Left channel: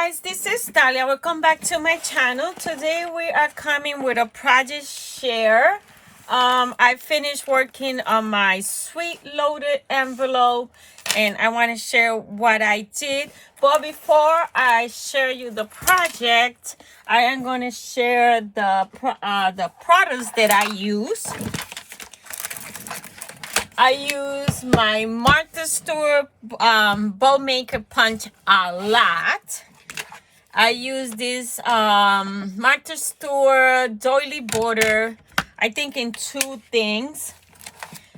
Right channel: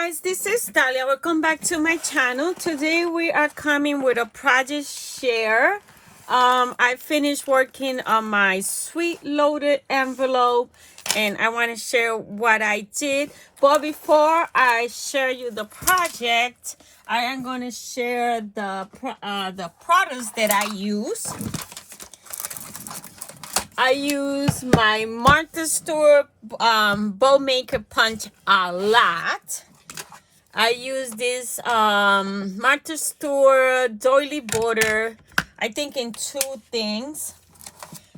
guys, this is Dalia. Welcome back to my channel. Today we are coming with a project share. I finished working on my sweet loaded envelope and I want to share what I did. But before I share you the project, I am going to share the products that I use. I use my Martha Stewart bow maker punch a lot. I use this Martha Stewart doily border, I think in 2 things.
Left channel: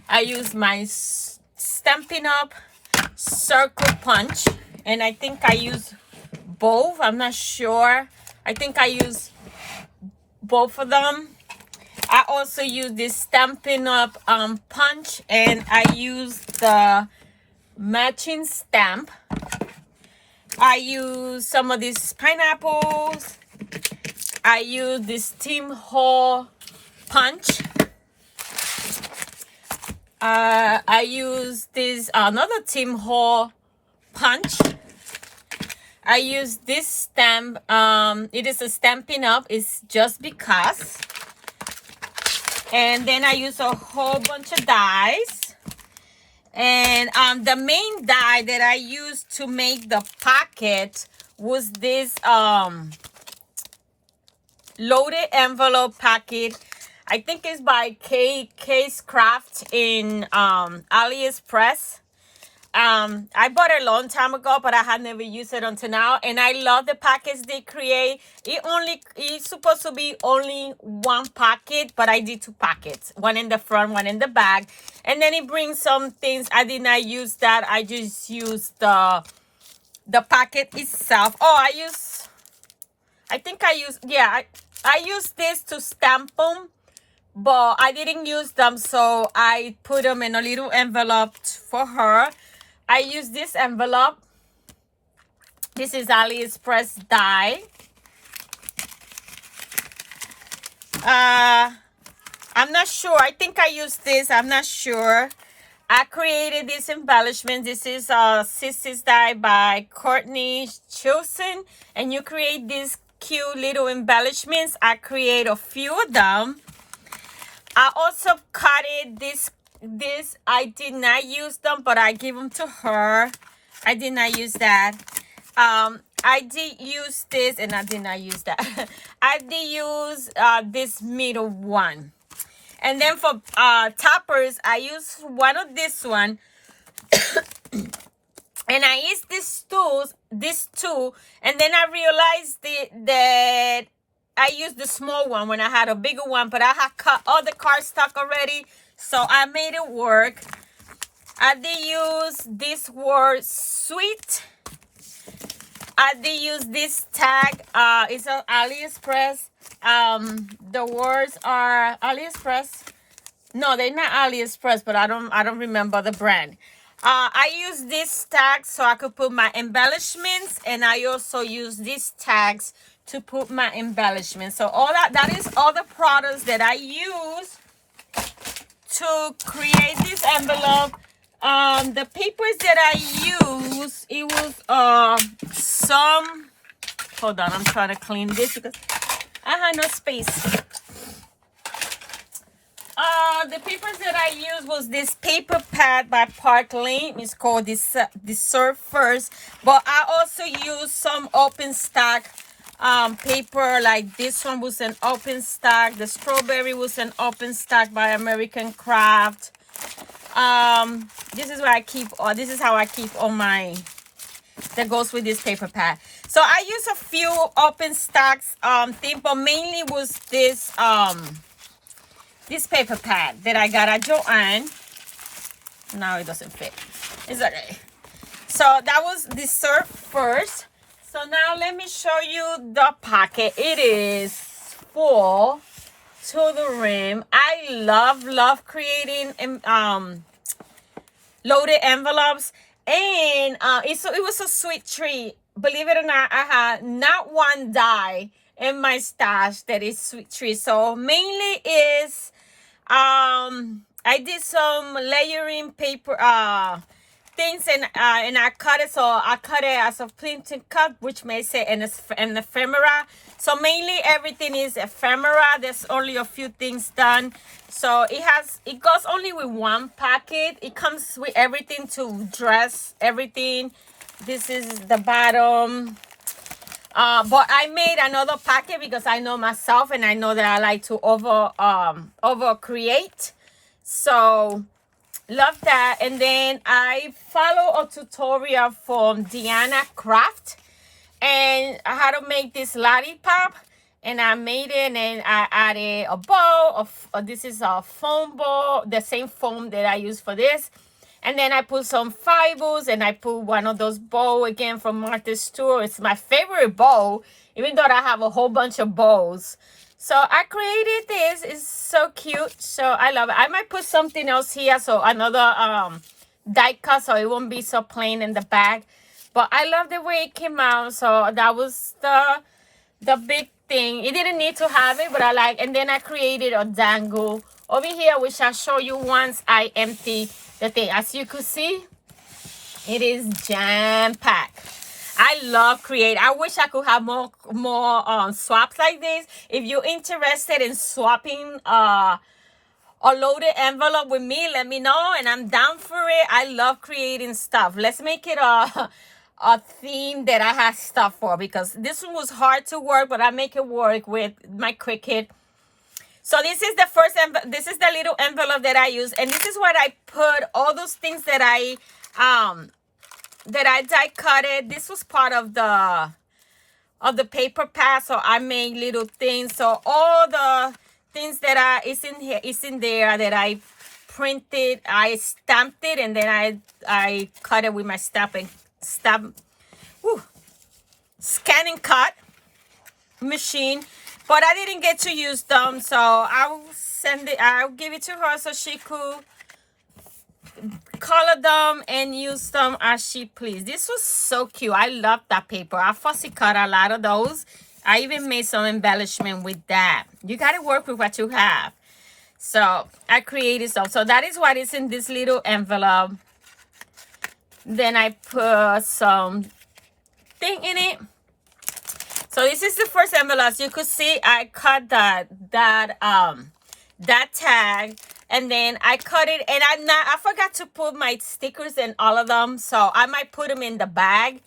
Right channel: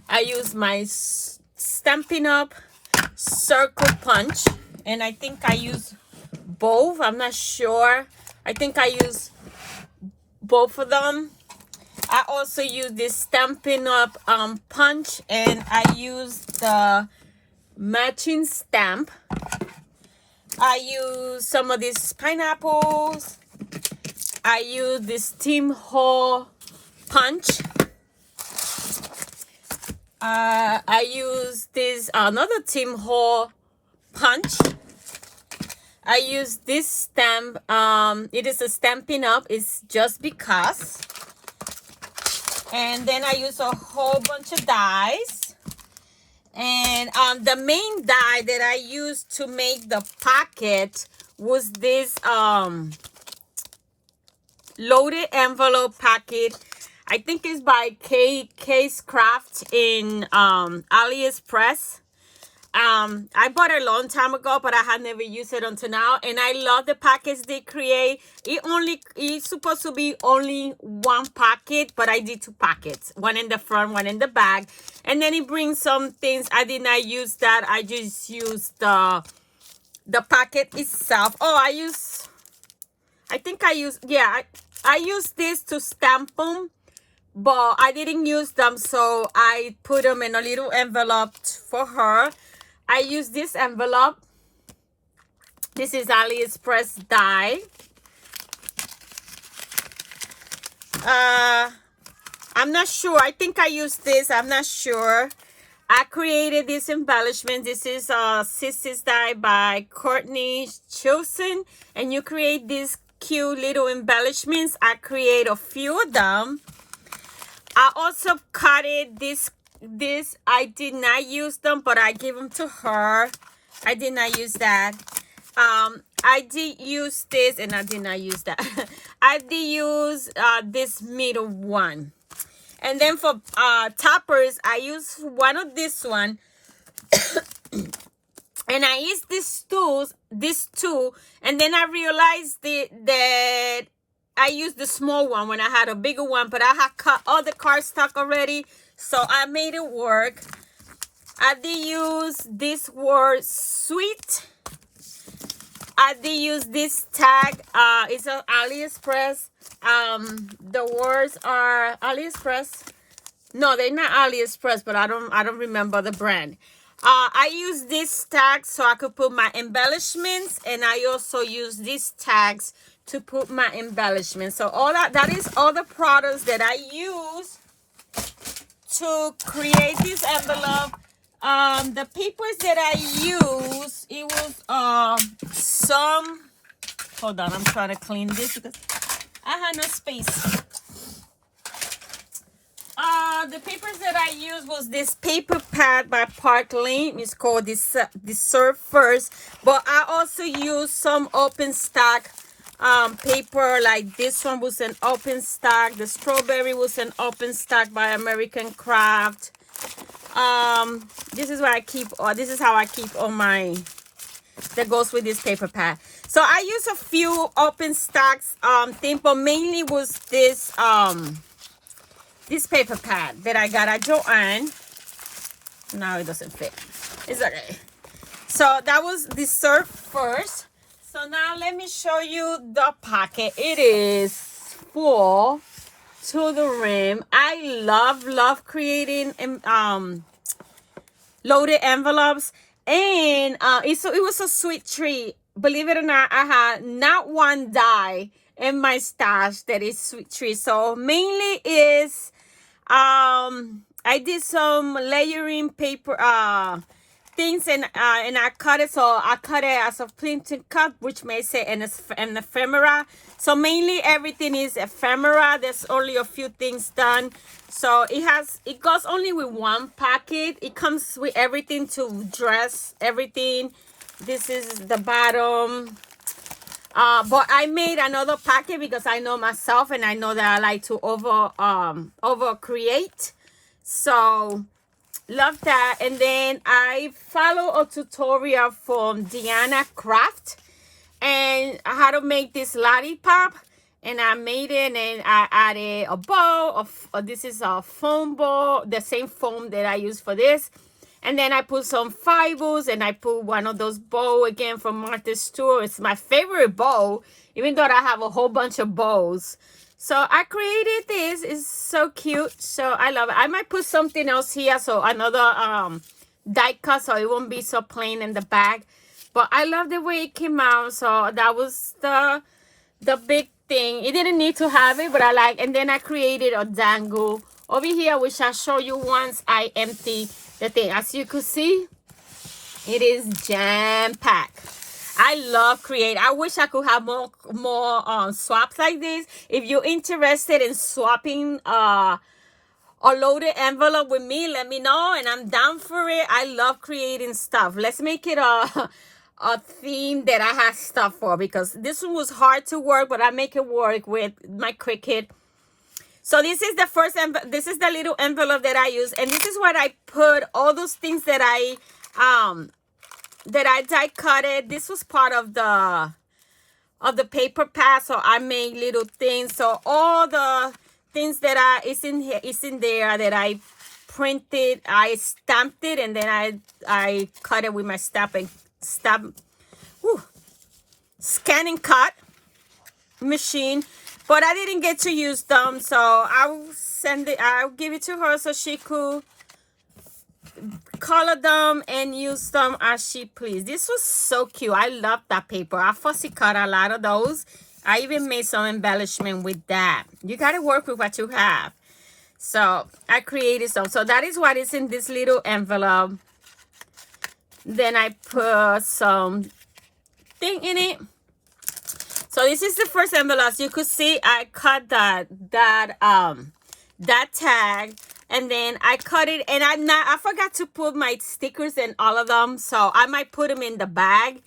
I use my Stampin' Up circle punch, and I think I use both. I'm not sure. I think I use both of them. I also use this Stampin' Up punch, and I use the matching stamp. I use some of these pineapples. I use this Temu punch. I use this another Temu punch. I use this stamp. It is a Stampin' Up. It's just because. And then I use a whole bunch of dies. And the main die that I used to make the pocket was this loaded envelope packet. I think it's by Case Craft in AliExpress. I bought it a long time ago, but I had never used it until now. And I love the packets they create. It's supposed to be only 1 pocket, but I did 2 pockets. One in the front, one in the back. And then it brings some things. I did not use that. I just used the packet itself. Oh, I use this to stamp them. But I didn't use them, so I put them in a little envelope for her. I use this envelope. This is AliExpress die. I'm not sure. I think I used this. I'm not sure. I created this embellishment. This is Sissy's die by Courtney Chilson. And you create these cute little embellishments. I create a few of them. I also cut it this I did not use them, but I gave them to her. I did not use that. I did use this, and I did not use that. I did use this middle one. And then for toppers, I used one of this one. And I used these two, and then I realized that I used the small one when I had a bigger one, but I had cut all the cardstock already, so I made it work. I did use this word sweet. I did use this tag. It's on AliExpress. The words are AliExpress. No, they're not AliExpress, but I don't remember the brand. I use this tag so I could put my embellishments, and I also use these tags to put my embellishments. So all that is all the products that I use to create this envelope. The papers that I use, it was some, hold on, I'm trying to clean this because I had no space. The papers that I used was this paper pad by Park Lane. It's called this Serve First. But I also used some open stack paper, like this one was an open stack. The strawberry was an open stack by American Craft. This is where I keep, this is how I keep all my, that goes with this paper pad. So I use a few open stacks thing, but mainly was this this paper pad that I got at Joann. Now it doesn't fit. It's okay. So that was the Serve First. So now let me show you the pocket. It is full to the rim. I love creating loaded envelopes, and it was a sweet treat. Believe it or not, I had not one die in my stash that is sweet treat. So mainly is I did some layering paper things and I cut it. So I cut it as a printing cut, which makes it an ephemera. So mainly everything is ephemera. There's only a few things done. So it goes only with one packet. It comes with everything to dress everything. This is the bottom. But I made another packet because I know myself and I know that I like to over create. So love that. And then I follow a tutorial from Deanna Craft and how to make this lollipop. And I made it, and I added a bowl of this is a foam bowl, the same foam that I use for this. And then I put some fibers, and I put one of those bowls again from Martha Stewart. It's my favorite bowl, even though I have a whole bunch of bowls. So I created this. It's so cute. So I love it. I might put something else here, so another die cut, so it won't be so plain in the bag. But I love the way it came out. So that was the big thing. It didn't need to have it, but I like. And then I created a dangle over here, which I'll show you once I empty the thing. As you could see, it is jam-packed. I love create. I wish I could have more swaps like this. If you're interested in swapping a loaded envelope with me, let me know, and I'm down for it. I love creating stuff. Let's make it a theme that I have stuff for, because this one was hard to work, but I make it work with my Cricut. So this is the first this is the little envelope that I use, and this is what I put all those things that I die cutted. This was part of the paper pad, so I made little things. So all the things that is in there that I printed, I stamped it, and then I cut it with my scan and cut machine. But I didn't get to use them, so I'll give it to her so she could color them and use them as she pleased. This was so cute. I love that paper. I fussy cut a lot of those. I even made some embellishment with that. You got to work with what you have. So I created some. So that is what is in this little envelope. Then I put some thing in it. So this is the first envelope. As you could see, I cut that tag, and then I cut it, and I forgot to put my stickers in all of them, so I might put them in the bag,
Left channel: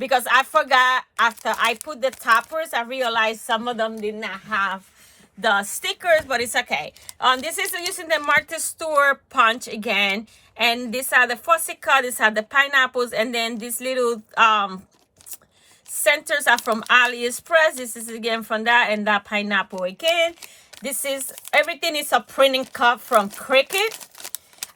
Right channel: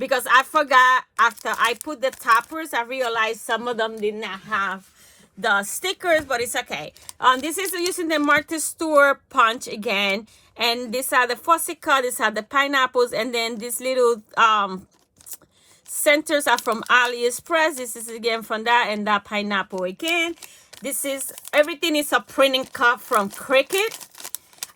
because I forgot after I put the toppers. I realized some of them did not have the stickers, but it's okay. This is using the Martha Stewart punch again, and these are the fussy cut. These are the pineapples, and then these little centers are from AliExpress. This is again from that, and that pineapple again. This is everything is a printing cut from Cricut.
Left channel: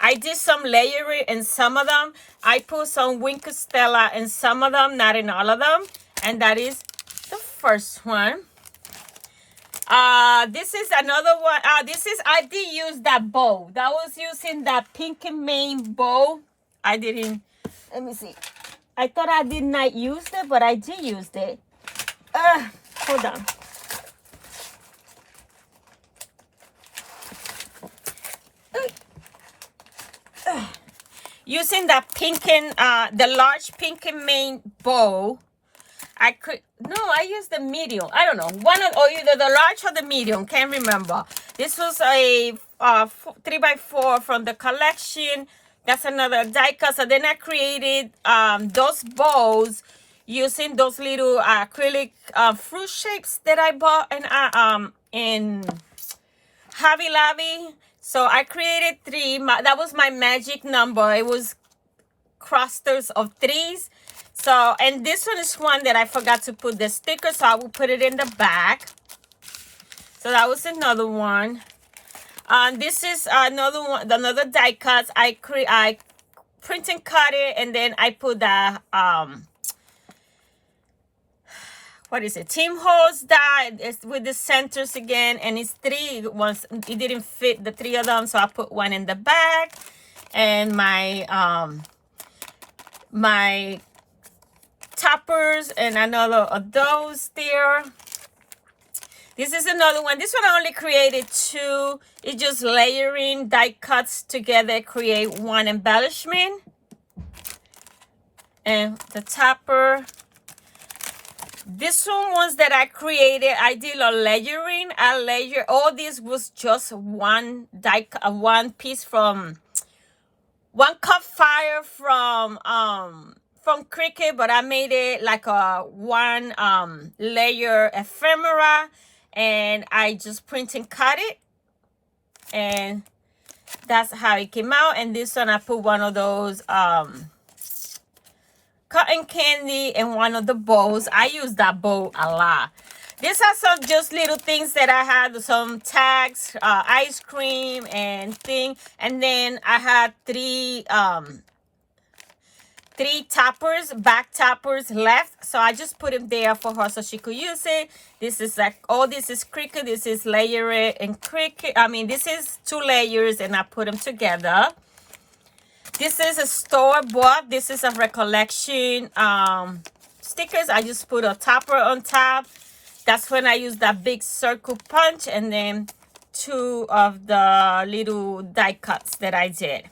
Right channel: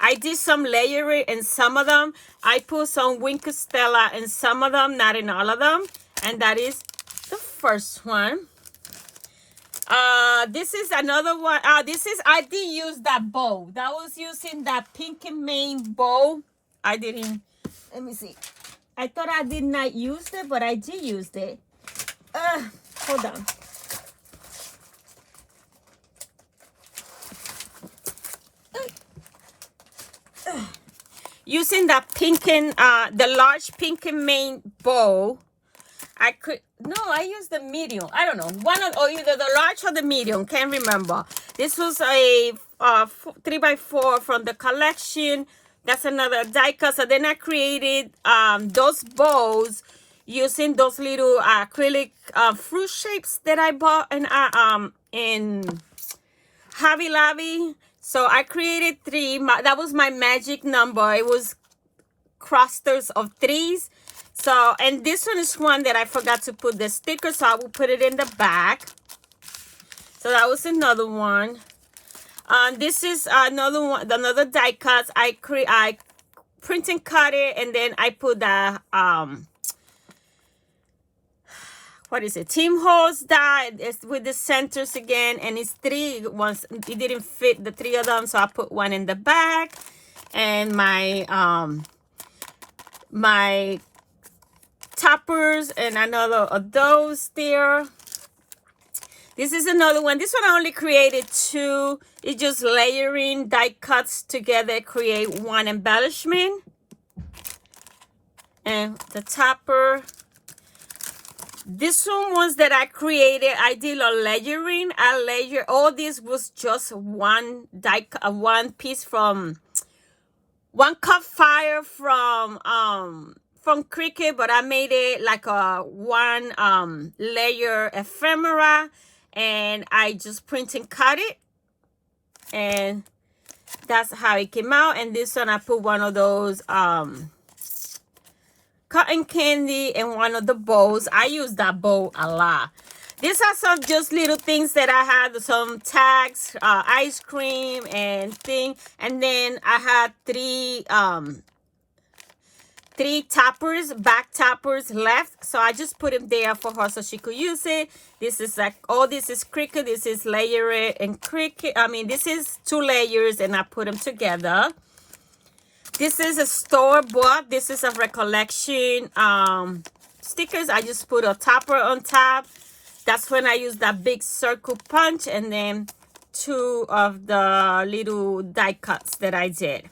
I did some layering in some of them. I put some Winker Stella in some of them, not in all of them. And that is the first one. This is another one. I did use that bow. That was using that Pink and Main bow. I didn't. Let me see. I thought I did not use it, but I did use it. Hold on. Using that the large Pink and Main bow, I used the medium. I don't know, either the large or the medium. Can't remember. This was a 3x4 from the collection. That's another die cut. So then I created those bows using those little acrylic fruit shapes that I bought in Hobby Lobby. So I created 3. That was my magic number. It was clusters of 3s. So, and this one is one that I forgot to put the sticker, so I will put it in the back. So that was another one. This is another one, another die cut. I print and cut it, and then I put the what is it? Team Hose die. It's with the centers again, and it's 3 ones. It didn't fit the 3 of them, so I put one in the back, and my my toppers and another of those there. This is another one. This one I only created 2. It's just layering die cuts together, create one embellishment. And the topper. This one was that I created. I did a layering. I layer. All this was just one piece from 1 cup fire from Cricut, but I made it like a one layer ephemera, and I just print and cut it, and that's how it came out. And this one I put one of those cotton candy in one of the bowls. I use that bowl a lot. These are some just little things that I had, some tags, ice cream and thing. And then I had three toppers, back toppers left. So I just put them there for her so she could use it. This is like, oh, this is Cricut. This is layered and Cricut. I mean, this is 2 layers and I put them together. This is a store-bought. This is a recollection stickers. I just put a topper on top. That's when I use that big circle punch, and then 2 of the little die cuts that I did.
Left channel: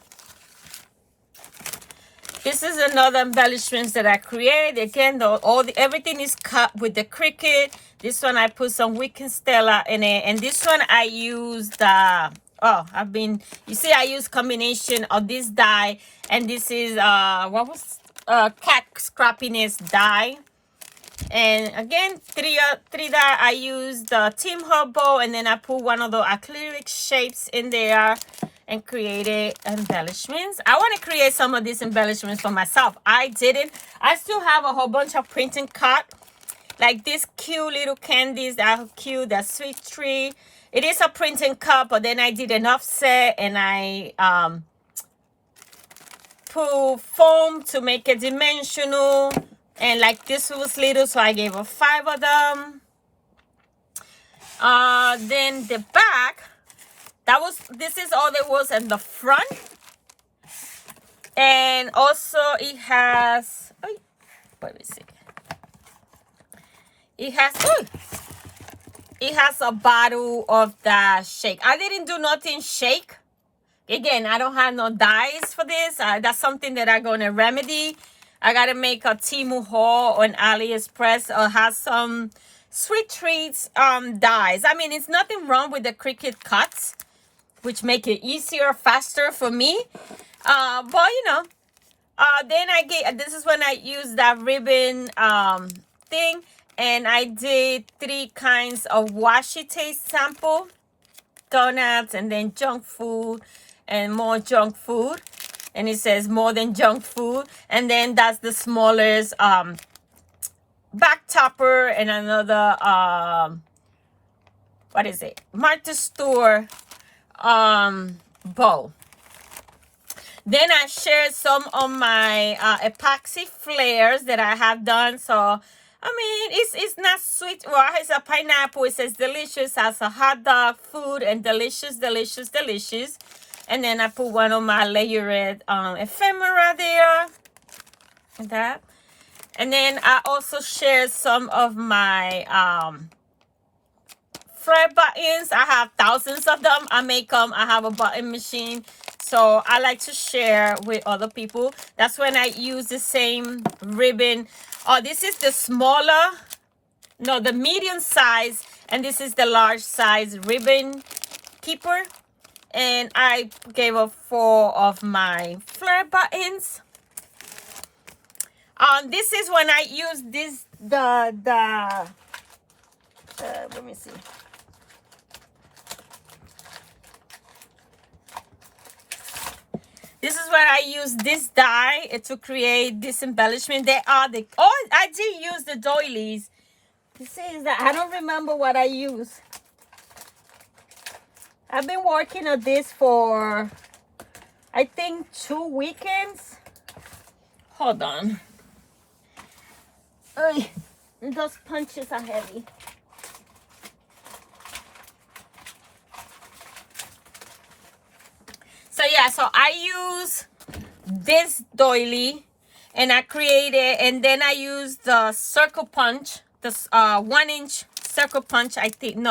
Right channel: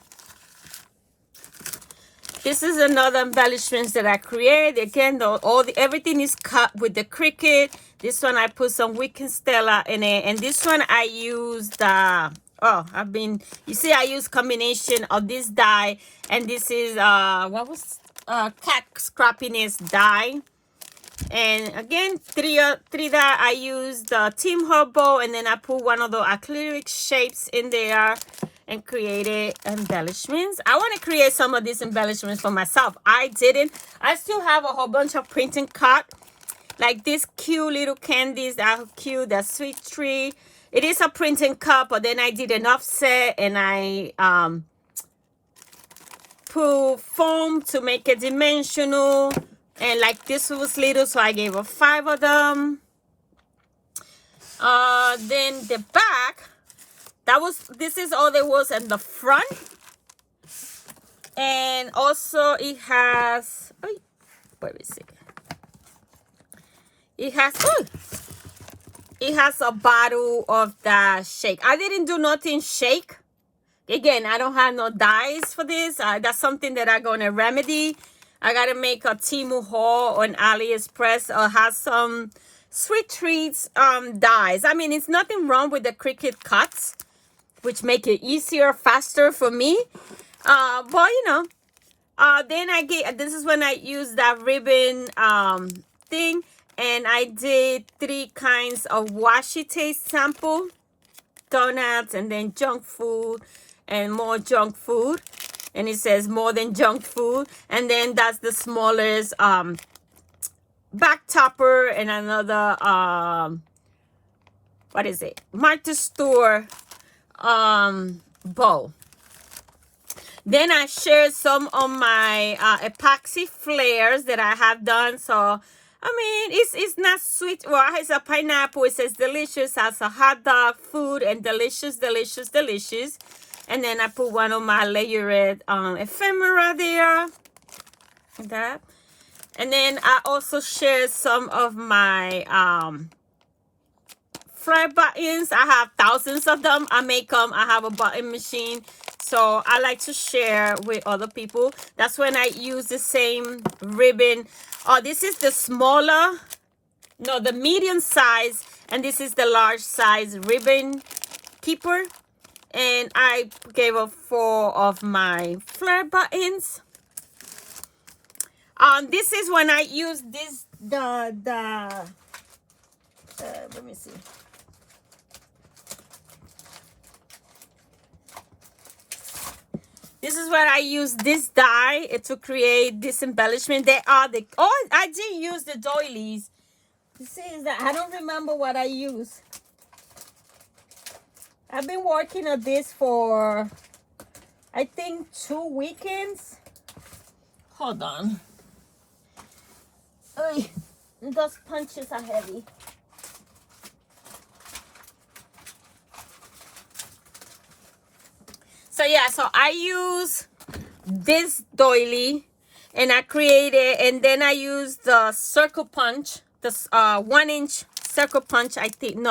This is another embellishments that I created. Again, everything is cut with the Cricut. This one I put some Wicked Stella in it, and this one I used you see, I use combination of this die, and this is cat scrappiness die. And again, three that I used the Temu bowl, and then I put one of the acrylic shapes in there and created embellishments. I want to create some of these embellishments for myself. I didn't. I still have a whole bunch of print and cut, like these cute little candies that are cute, that sweet tree. It is a print and cut, but then I did an offset, and I put foam to make it dimensional. And like this was little, so I gave her 5 of them. Then the back, this is all there was in the front. And also it has, wait a second. It has a bottle of the shake. I didn't do nothing shake. Again, I don't have no dyes for this. That's something that I'm going to remedy. I got to make a Temu haul on AliExpress or have some sweet treats dyes. I mean, it's nothing wrong with the Cricut cuts, which make it easier, faster for me. But, you know, then this is when I used that ribbon thing. And I did 3 kinds of washi taste sample. Donuts, and then junk food, and more junk food. And it says more than junk food. And then that's the smallest back topper, and another, what is it? Martha Stewart bowl. Then I shared some of my epoxy flares that I have done. So, I mean, it's not sweet. Well, it's a pineapple. It says delicious. Has a hot dog food and delicious, delicious, delicious. And then I put one of my layered ephemera there. That. And then I also shared some of my flare buttons. I have thousands of them. I make them. I have a button machine. So I like to share with other people. That's when I use the same ribbon. Oh, this is the the medium size, and this is the large size ribbon keeper. And I gave her 4 of my flare buttons. This is when I use this, let me see. This is where I use this die to create this embellishment. I did use the doilies. You see, that I don't remember what I use. I've been working on this for, I think, 2 weekends. Hold on. Those punches are heavy. So yeah, so I use this doily, and I created, and then I use the circle punch, this 1-inch circle punch. I think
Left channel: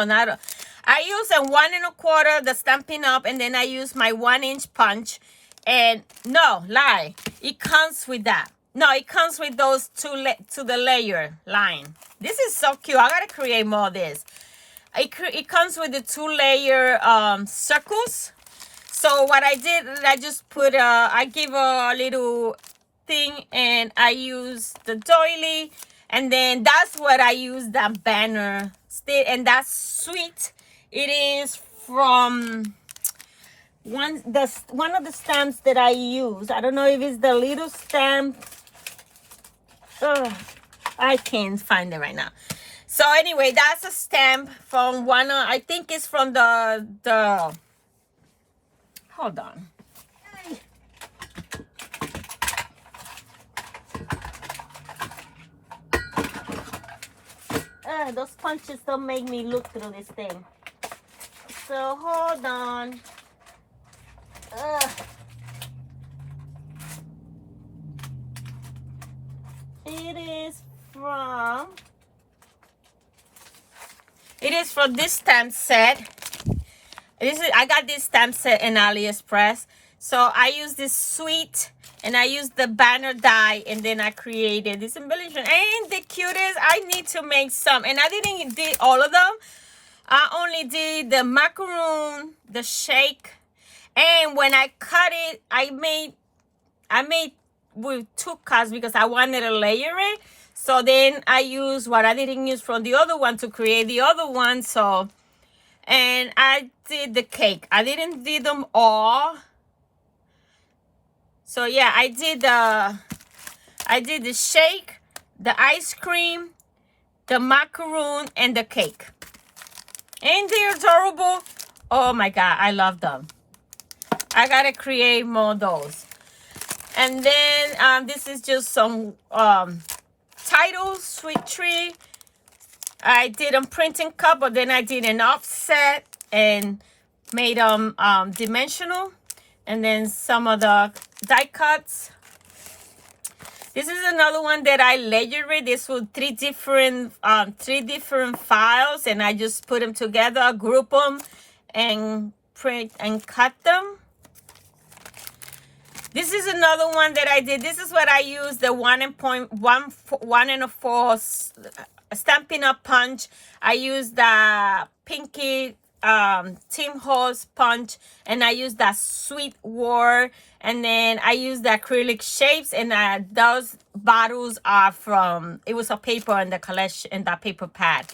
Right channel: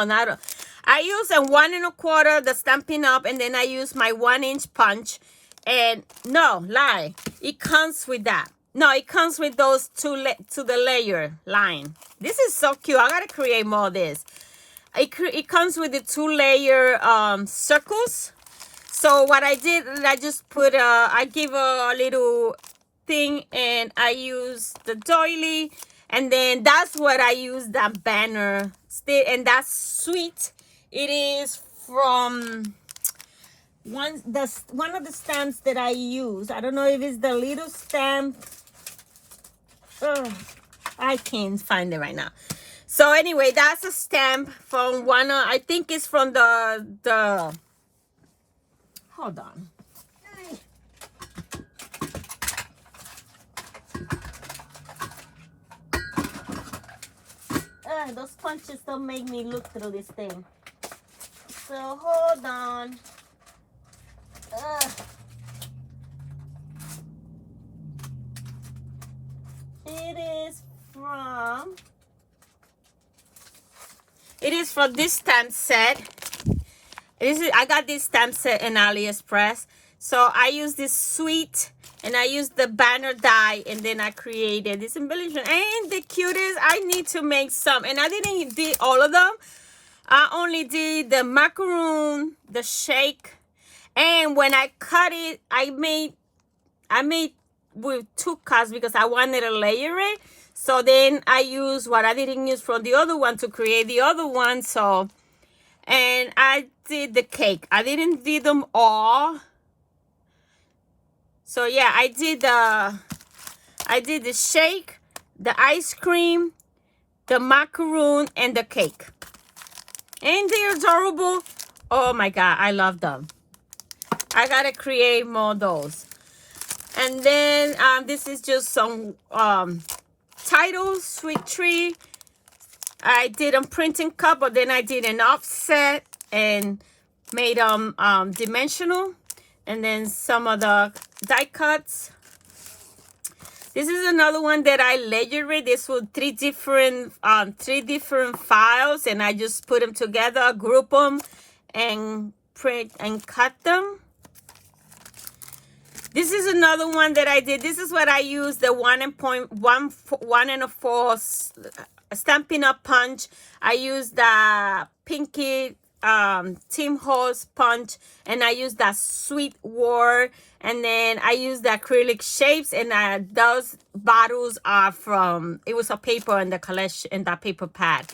I use a 1 1/4, the Stampin' Up, and then I use my 1-inch punch. And no lie, it comes with that. No, it comes with those to the layer line. This is so cute. I gotta create more of this. It comes with the 2-layer circles. So what I did, I just put I give a little thing, and I use the doily, and then that's what I use, that banner stick, and that's sweet. It is from one of the stamps that I use. I don't know if it's the little stamp. I can't find it right now. So anyway, that's a stamp from one. I think it's from the. Hold on. Those punches don't make me look through this thing. So hold on. It is from this stamp set. I got this stamp set in AliExpress. So I use this sweet, and I use the banner die, and then I created this embellishment. Ain't the cutest? I need to make some, and I didn't do all of them. I only did the macaroon, the shake, and when I cut it, I made with 2 cuts because I wanted to layer it. So then I used what I didn't use from the other one to create the other one. So, and I did the cake. I didn't do them all. So yeah, I did the shake, the ice cream, the macaroon, and the cake. Ain't they adorable? Oh my God, I love them. I gotta create more of those. And then this is just some titles, sweet tree. I did a printing cup, but then I did an offset and made them dimensional. And then some of the die cuts. This is another one that I layered. This was 3 different files, and I just put them together, group them, and print and cut them. This is another one that I did. This is what I used, the 1 Stampin' Up punch. I used the Pinky Tim Horse punch, and I used that Sweet War, and then I used the acrylic shapes, and those bottles are from, it was a paper in the collection, in that paper pad.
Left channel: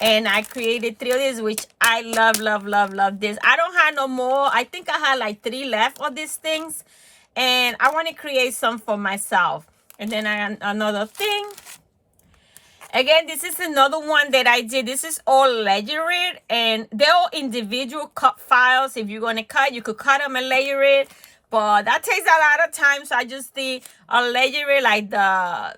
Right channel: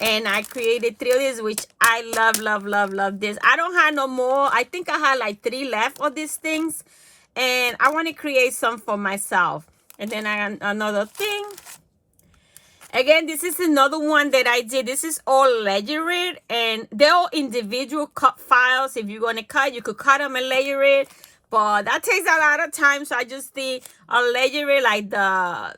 And I created 3 of these, which I love this. I don't have no more. I think I had like 3 left of these things, and I want to create some for myself. And then I got another thing. Again, this is another one that I did. This is all layered, and they're all individual cut files. If you're going to cut, you could cut them and layer it, but that takes a lot of time. So I just did a layer it, like the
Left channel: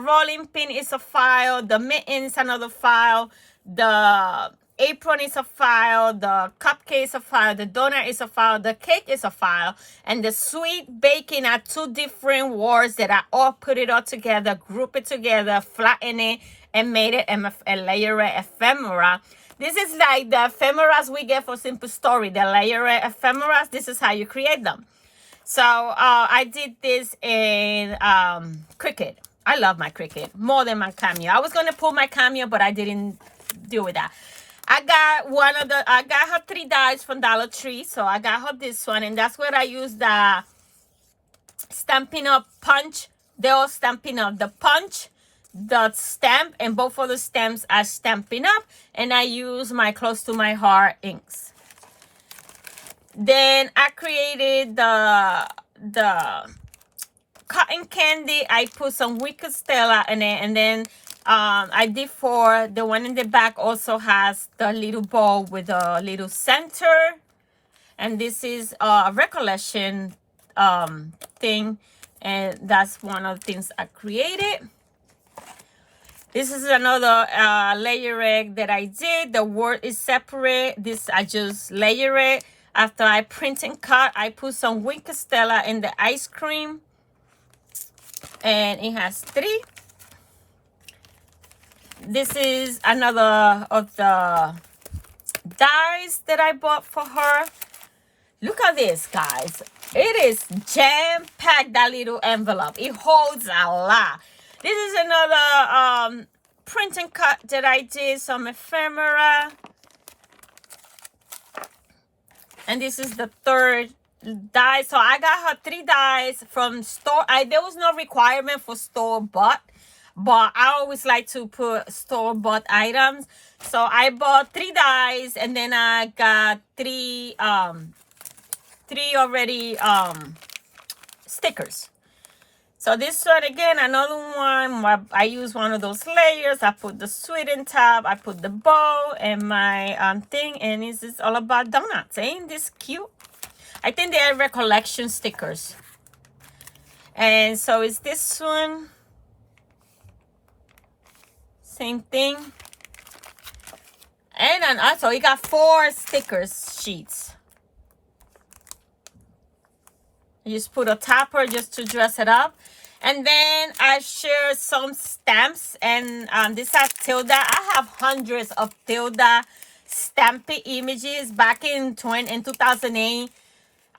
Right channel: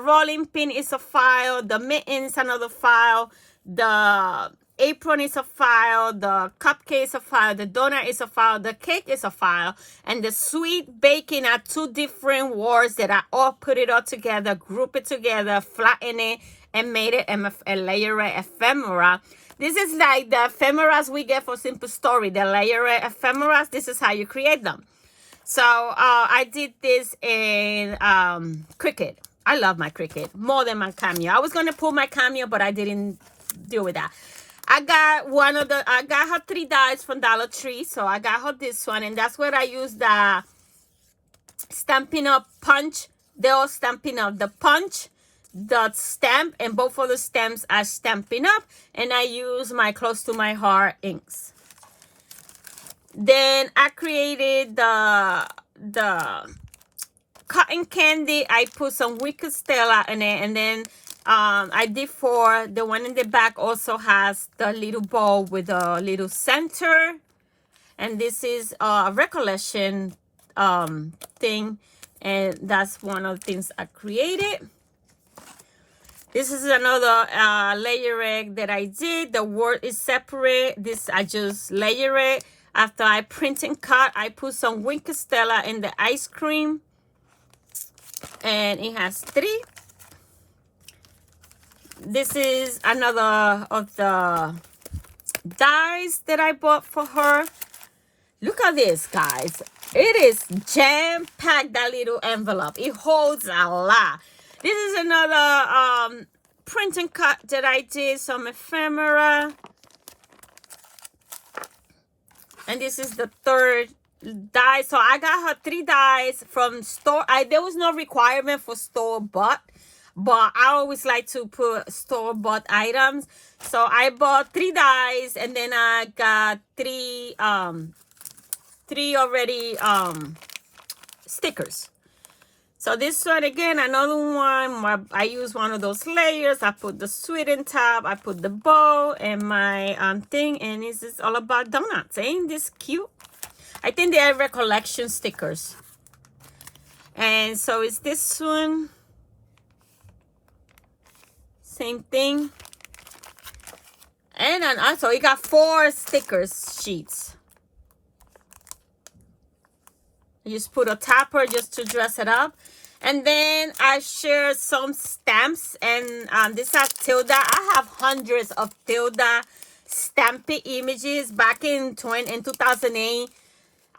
rolling pin is a file, the mitten is another file, the apron is a file, the cupcake is a file, the donut is a file, the cake is a file, and the sweet baking are 2 different words that I all put it all together, group it together, flatten it, and made it a layer ephemera. This is like the ephemeras we get for Simple Story, the layer ephemeras. This is how you create them. So I did this in Cricut. I love my Cricut more than my Cameo. I was going to pull my Cameo, but I didn't deal with that. I got her 3 dies from Dollar Tree, so I got her this one, and that's where I used the Stampin' Up punch. They're all Stampin' Up. The punch, the stamp, and both of the stamps are Stampin' Up, and I use my Close to My Heart inks. Then I created the cotton candy. I put some Wicked Stella in it, and then I did 4. The one in the back also has the little bowl with a little center. And this is a recollection thing. And that's one of the things I created. This is another layer egg that I did. The word is separate. This I just layer it. After I print and cut, I put some Wicked Stella in the ice cream. And it has 3. This is another of the dies that I bought for her. Look at this, guys. It is jam-packed, that little envelope. It holds a lot. This is another print and cut that I did, some ephemera. And this is the third die. So I got her 3 dies from store. There was no requirement for store-bought, but I always like to put store-bought items. So I bought 3 dies, and then I got 3 already stickers. So this one again, another one. I use one of those layers. I put the sweet in top. I put the bow and my thing, and this is all about donuts. Ain't this cute? I think they are recollection stickers. And so is this one. Same thing. And then also you got 4 stickers sheets. You just put a topper just to dress it up. And then I share some stamps, and these are Tilda. I have hundreds of Tilda stamped images back in 2008.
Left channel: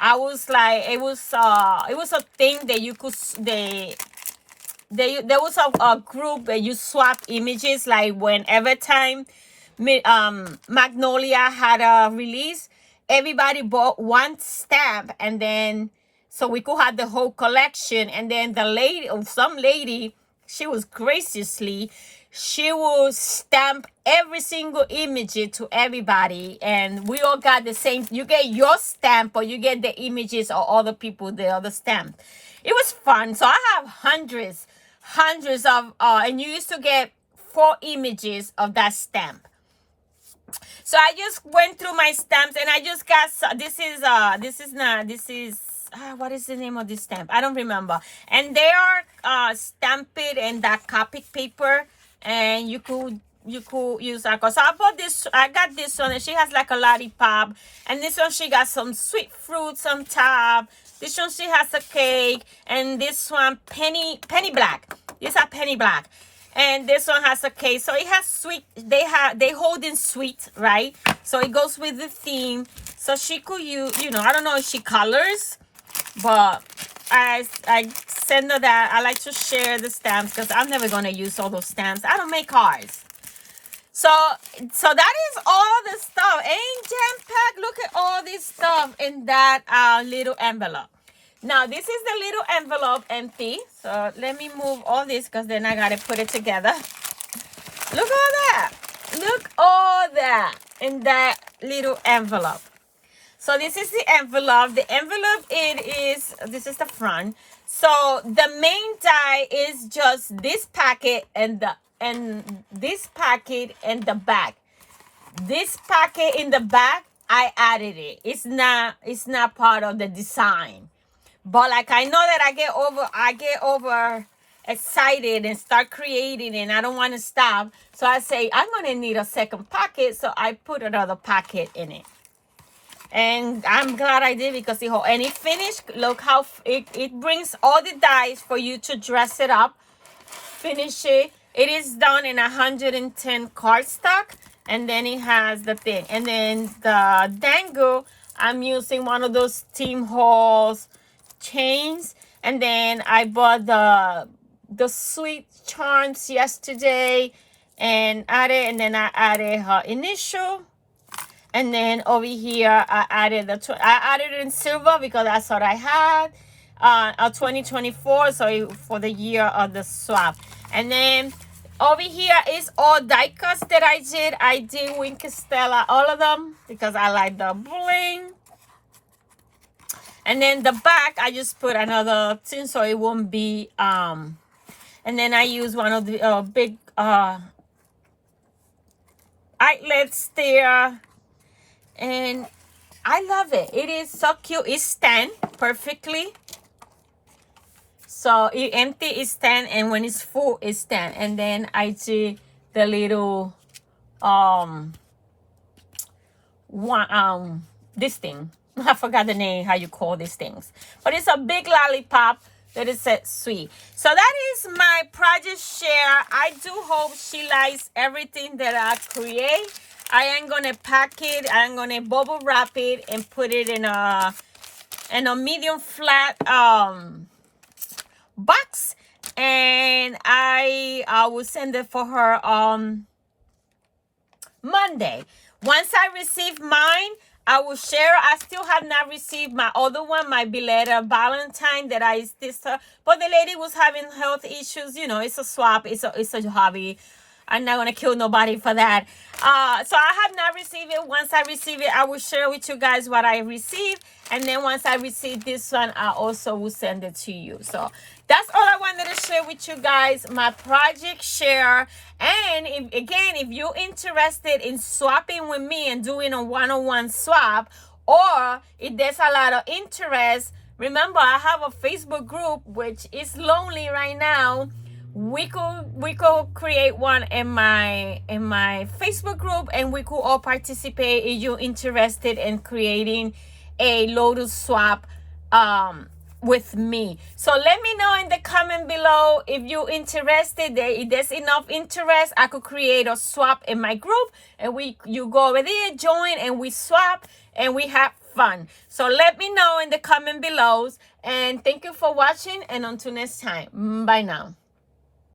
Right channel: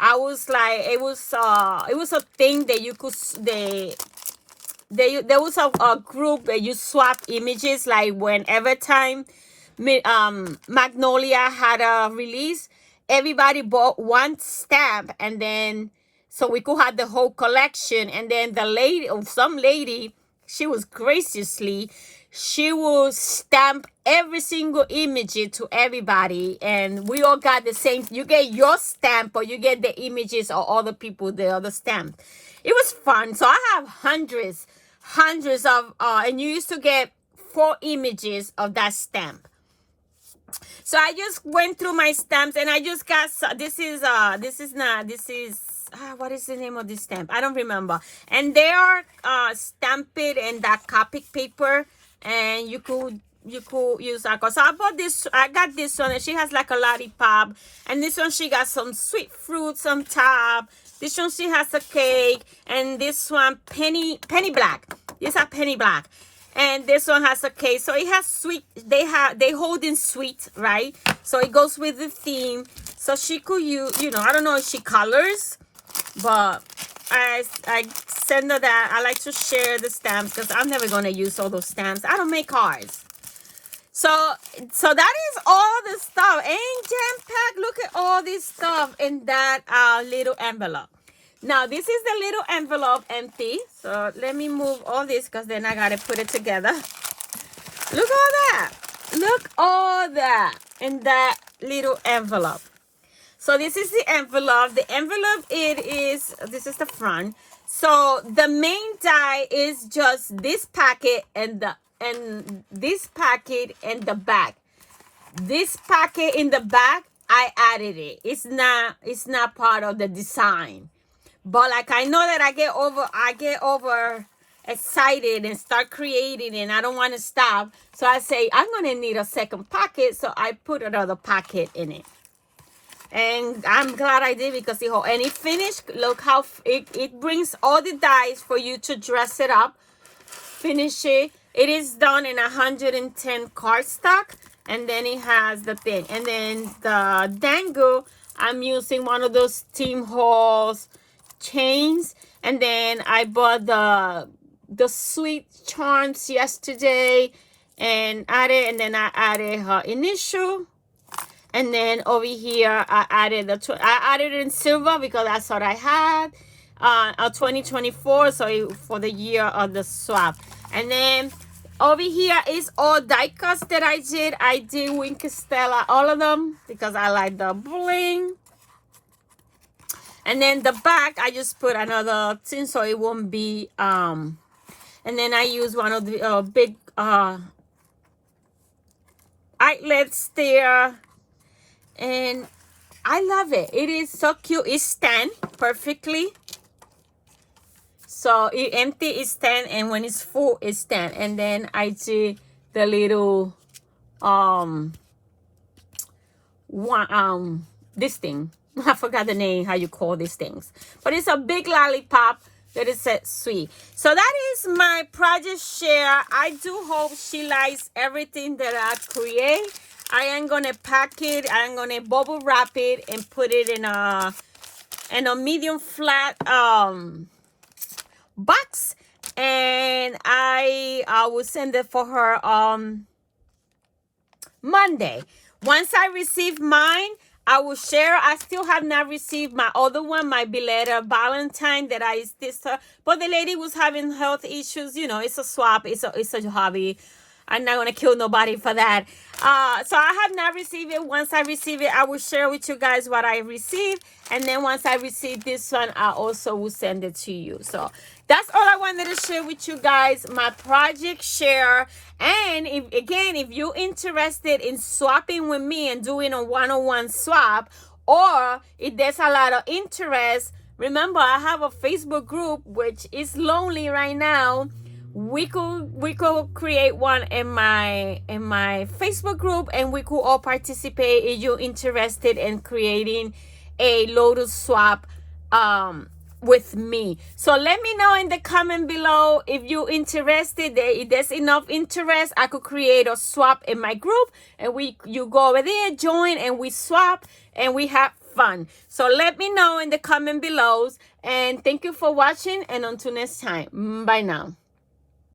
I was like, it was a thing that you could there was a group that you swap images, like whenever time Magnolia had a release, everybody bought 1 stamp, and then so we could have the whole collection. And then some lady, she was graciously, she would stamp every single image to everybody, and we all got the same. You get your stamp, or you get the images of other people, the other stamp. It was fun. So I have hundreds of, and you used to get 4 images of that stamp. So I just went through my stamps, and I just got, what is the name of this stamp? I don't remember. And they are stamped in that Copic paper, and you could use that. So I bought this. I got this one, and she has like a lollipop. And this one, she got some sweet fruits on top. This one, she has a cake. And this one, penny black. These are penny black. And this one has a cake. So it has sweet. They hold in sweet, right? So it goes with the theme. So she could use, I don't know if she colors, but I send her that. I like to share the stamps because I'm never going to use all those stamps. I don't make cards. So that is all the stuff. Ain't jam-packed? Look at all this stuff in that little envelope. Now, this is the little envelope empty. So let me move all this, because then I got to put it together. Look all that. Look all that in that little envelope. So this is the envelope. The envelope, this is the front. So the main die is just this packet and this packet and the back. This packet in the back, I added it. It's not part of the design. But like, I know that I get over excited and start creating, and I don't want to stop. So I say, I'm going to need a second packet. So I put another packet in it. And I'm glad I did, because and it finished. Look how it brings all the dies for you to dress it up. Finish it. It is done in 110 cardstock. And then it has the thing. And then the dangle, I'm using one of those Team Halls chains. And then I bought the sweet charms yesterday and then I added her initial. And then over here I added I added it in silver because that's what I had. 2024, so for the year of the swap. And then over here is all die cuts that I did. I did Wink Stella, all of them, because I like the bling. And then the back, I just put another thing so it won't be, and then I use one of the big outlets there. And I love it. It is so cute. It stands perfectly. So it empty, it stand, and when it's full, it stand. And then I did the little this thing. I forgot the name, how you call these things. But it's a big lollipop that is sweet. So that is my project share. I do hope she likes everything that I create. I am going to pack it. I'm going to bubble wrap it and put it in a in a medium flat box, and I will send it for her Monday. Once I receive mine, I will share. I still have not received my other one, my belated Valentine that I this but the lady was having health issues. You know, it's a swap. It's a hobby. I'm not gonna kill nobody for that. So I have not received it. Once I receive it, I will share with you guys what I received, and then once I receive this one, I also will send it to you. So that's all I wanted to share with you guys. My project share. And if you're interested in swapping with me and doing a one-on-one swap, or if there's a lot of interest, remember I have a Facebook group which is lonely right now. We could create one in my Facebook group, and we could all participate if you're interested in creating a Lotus swap with me. So let me know in the comment below if you're interested. If there's enough interest, I could create a swap in my group, and you go over there, join, and we swap and we have fun. So let me know in the comment below, and thank you for watching, and until next time, bye now.